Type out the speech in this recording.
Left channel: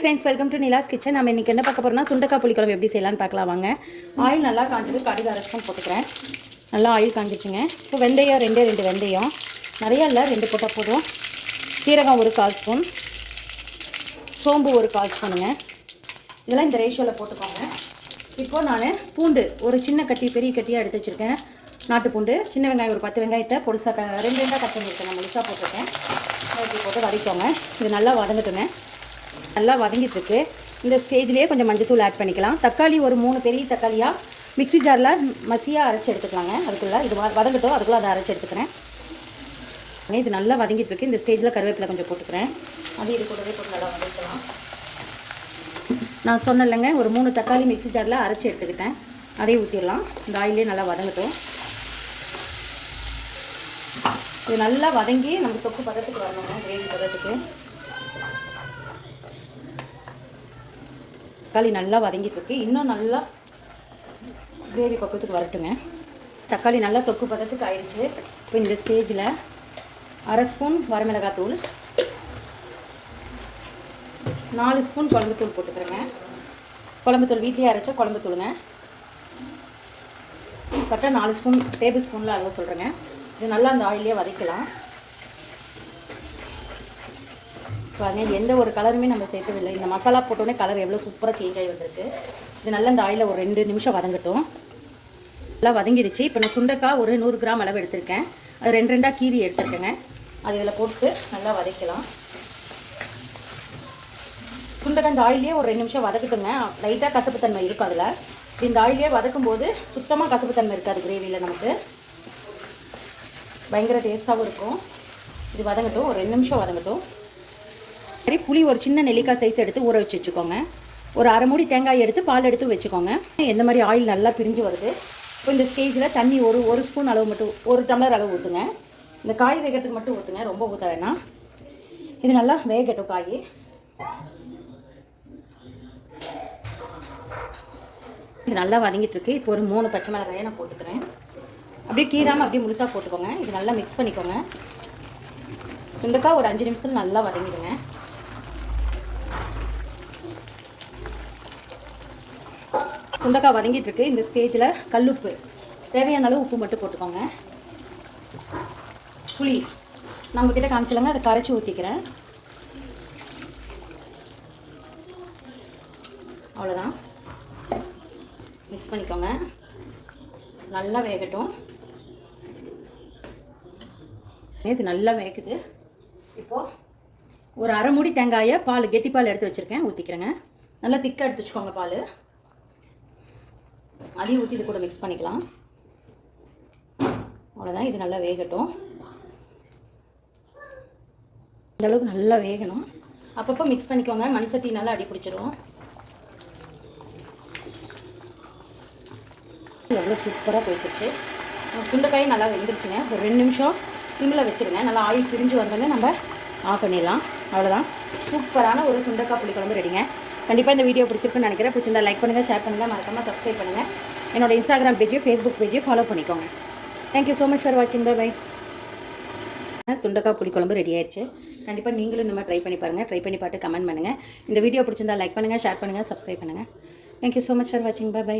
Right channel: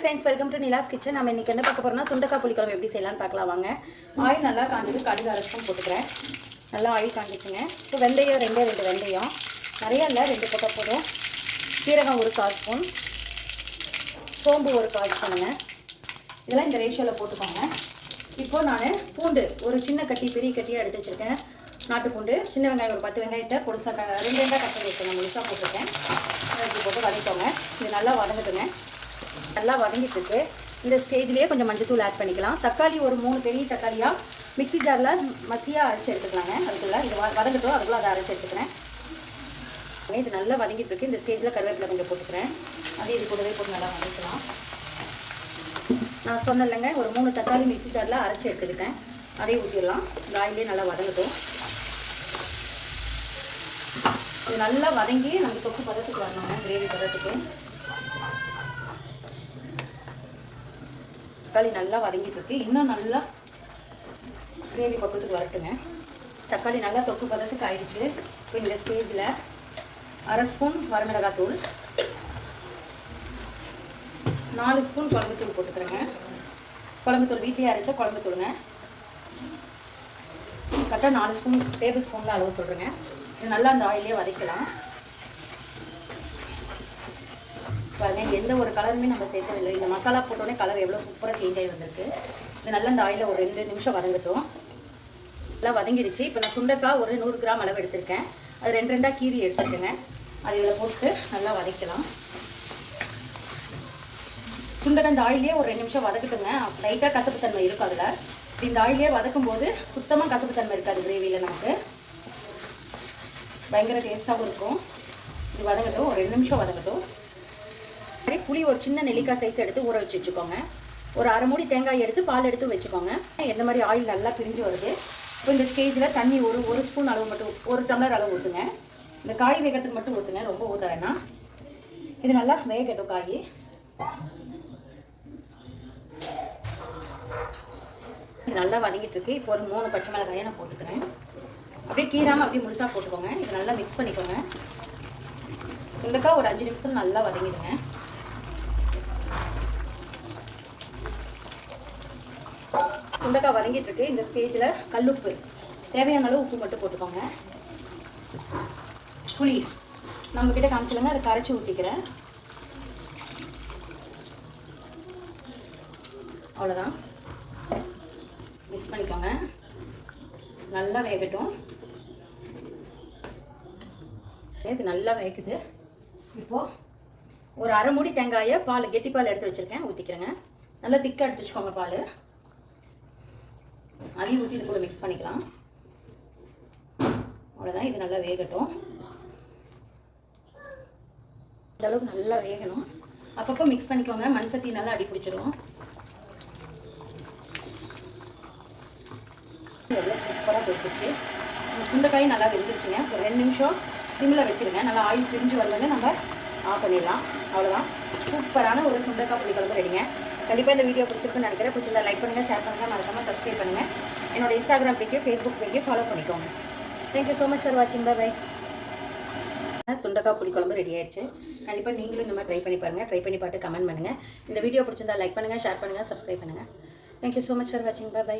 Friends welcome to Nila's kitchen நம்ம இன்றைக்கி என்ன பார்க்க போகிறோம்னா சுண்டக்காய் புளிக்குழம்பு எப்படி செய்யலாம்னு பார்க்கலாம் வாங்க. ஆயில் நல்லா காஞ்சது கடுகு அரை போட்டுக்கிறேன். நல்லா ஆயில் காஞ்சிச்சுங்க. இப்போ வெந்தயம் ரெண்டே ரெண்டு வெந்தயம். நிறையா இல்லை ரெண்டு போட்டால் போதும். சீரகம் ஒரு கால் ஸ்பூன். சோம்பு ஒரு கால் ஸ்பூனுங்க. இதெல்லாம் இந்த ரேஷியோவில் போட்டுக்கோங்க. இப்போது நான் பூண்டு ஒரு சின்ன கட்டி பெரிய கட்டியாக எடுத்து வச்சுருக்கேன். நாட்டு பூண்டு சின்ன வெங்காயம் ஒரு பத்து வெங்காயத்தை பொடிசா ரெண்டு ரெண்டாக கட் பண்ணி வச்சுருக்கேன். முழுசாக போட்டிருக்கேன். போட்டு வதக்கிக்கோங்க. இது நல்லா வதங்கட்டுங்க. நல்லா வதங்கிட்டுருக்கு. இந்த ஸ்டேஜ்லேயே கொஞ்சம் மஞ்சத்தூள் ஆட் பண்ணிக்கலாம். தக்காளி ஒரு மூணு பெரிய தக்காளியாக மிக்ஸி ஜாரில் மசியாக அரைச்சி எடுத்துக்கலாங்க. அதுக்குள்ளே இது வ- வதங்கட்டும். அதுக்குள்ளே அதை அரைச்சி எடுத்துக்கிறேன். இது நல்லா வதங்கிட்டுருக்கு. இந்த ஸ்டேஜில் கருவேப்பிலை கொஞ்சம் போட்டுக்கிறேன். அது இது கூடவே போட்டு நல்லா வதக்கலாம். நான் சொன்னலைங்க ஒரு மூணு தக்காளி மிக்ஸி ஜாரில் அரைச்சி எடுத்துக்கிட்டேன். அதையும் ஊற்றிடலாம் இந்த ஆயிலே நல்லா வதங்கட்டும். இது நல்லா வதங்கி நம்ம தொக்கு பதத்துக்கு வரணுங்க. கிரேவி பதத்துக்கு. தக்காளி நல்லா வதங்கிட்டுருக்கு. இன்னும் நல்லா கிரேவி பக்கத்துக்கு வரட்டுங்க. தக்காளி நல்லா தொக்கு பதத்துக்கு ஆயிடுச்சு. இப்போ இந்த ஸ்டேஜில் அரை ஸ்பூன் வரமிளகாய் தூள் நாலு ஸ்பூன் குழம்புத்தூள் போட்டுக்கிறேங்க. குழம்புத்தூள் வீட்லேயே அரைச்ச குழம்புத்தூளுங்க கரெக்டாக நாலு ஸ்பூன் டேபிள் ஸ்பூனில் அளவு சொல்கிறேங்க இது நல்லா அந்த ஆயிலே வதக்கலாம். பாருங்க எந்த ஒரு கலருமே நம்ம சேர்த்ததில்லை. இந்த மசாலா போட்டோடனே கலர் எவ்வளோ சூப்பராக சேஞ்ச் ஆகி வந்திருக்கு. இது நல்லா இந்த ஆயிலில் ஒரு ரெண்டு நிமிஷம் வதங்கட்டும். நல்லா வதங்கிடுச்சு. இப்போ நான் சுண்டைக்காய் ஒரு நூறு கிராம் அளவு எடுத்திருக்கேன். அது ரெண்டு ரெண்டாக கீரி எடுத்துருக்கேங்க. அது இதில் போட்டு நல்லா வதக்கலாம். சுண்டக்காய் இந்த ஆயிலே ஒரு ரெண்டு நிமிஷம் வதக்கட்டுங்க. லைட்டாக கசப்புத்தன்மை இருக்கும் அதில். இந்த ஆயிலே வதக்கும் போது சுத்தமாக கசப்புத்தன்மை இருக்காது கிரேவியில் நமக்கு. பயங்கர டேஸ்ட்டாகவும் இருக்கும். இது வதங்கட்டும். ஒரு ரெண்டு நிமிஷம் வதங்கட்டும். சரி புளி ஒரு சின்ன நெல்லிக்காய் சைஸ் எடுத்து ஊற வச்சு வச்சுக்கோங்க. ஒரு அரை மூடி தேங்காய் எடுத்து பால் எடுத்து வச்சுக்கோங்க. எந்த மாதிரி ஆயில் நல்லா பிரிஞ்சு வருது. இப்போ இந்த ஸ்டேஜில் தண்ணி ஒரு ஒரு ஸ்பூன் அளவு மட்டும் ஒரு டம்ளர் அளவு ஊற்றுங்க இந்த காய் வேகத்துக்கு மட்டும் ஊற்றுங்க ரொம்ப ஊற்ற வேணாம். இது நல்லா வேகட்டும் காய். இது நல்லா வதங்கிட்டு இருக்கு. இப்போ ஒரு மூணு பச்சை மிளகாயை நான் போட்டுக்கிறேன். அப்படியே கீராமல் அப்படியே முழுசாக போட்டுக்கோங்க. இது நல்லா மிக்ஸ் பண்ணிக்கோங்க. சுண்டக்காய் ஒரு அஞ்சு நிமிஷத்தில் நல்லா வதங்கிடுங்க. சுண்டக்காய் வதங்கிட்டு இருக்கு இந்த ஸ்டேஜில் கல்லுப்பு. தேவையான அளவு உப்பு மட்டும் போட்டுக்கோங்க. புளி. நம்ம கிட்ட காமிச்சலங்க அதை கரைச்சி ஊற்றிக்கிறேன் அவ்வளோதான் மிக்ஸ் பண்ணிக்கோங்க. நல்லா வேகட்டும். இது நல்லா வேகுது. இப்போது ஒரு அரை மூடி தேங்காயை பால் கெட்டி பால் எடுத்து வச்சுருக்கேன். ஊற்றிக்கிறேங்க நல்லா திக்காக எடுத்து வச்சுக்கோங்க பால். அதையும் ஊற்றி இது கூட மிக்ஸ் பண்ணிக்கலாம். அவ்வளோதான் இது நல்லா வேகட்டும். இந்தளவுக்கு நல்லா வேகணும். அப்பப்போ மிக்ஸ் பண்ணிக்கோங்க மண் சட்டி நல்லா அடி பிடிச்சிரும். எவ்வளோ சூப்பராக போயிடுச்சு. சுண்டைக்காய் நல்லா வெந்துருச்சுங்க. ஒரு ரெண்டு நிமிஷம் சிம்மில் வச்சுருங்க. நல்லா ஆயில் பிரிஞ்சு வந்தோடனே நம்ம ஆஃப் பண்ணிடலாம். அவ்வளோதான் சூப்பரான ஒரு சுண்டக்காய் புளிக்குழம்பு ரெடிங்க. கண்டிப்பாக இந்த வீடியோ பிடிச்சிருக்குன்னு நினைக்கிறேன். பிடிச்சிருந்தா லைக் பண்ணுங்கள் ஷேர் பண்ணுங்கள் மறக்காமல் சப்ஸ்கிரைப் பண்ணுங்கள் என்னோட இன்ஸ்டாகிராம் பேஜையும் ஃபேஸ்புக் பேஜையும் ஃபாலோ பண்ணிக்கோங்க. Thank you so much for வாட்சிங் பை பை சுண்டக்காய் புளிக்குழம்பு ரெடி ஆயிடுச்சு கண்டிப்பாக நீங்களும் இந்த மாதிரி ட்ரை பண்ணி பாருங்கள் ட்ரை பண்ணி பார்த்து கமெண்ட் பண்ணுங்கள் இந்த வீடியோ பிடிச்சிருந்தா லைக் பண்ணுங்கள் ஷேர் பண்ணுங்கள் சப்ஸ்கிரைப் பண்ணுங்கள் thank you so much for வாட்சிங் பை பை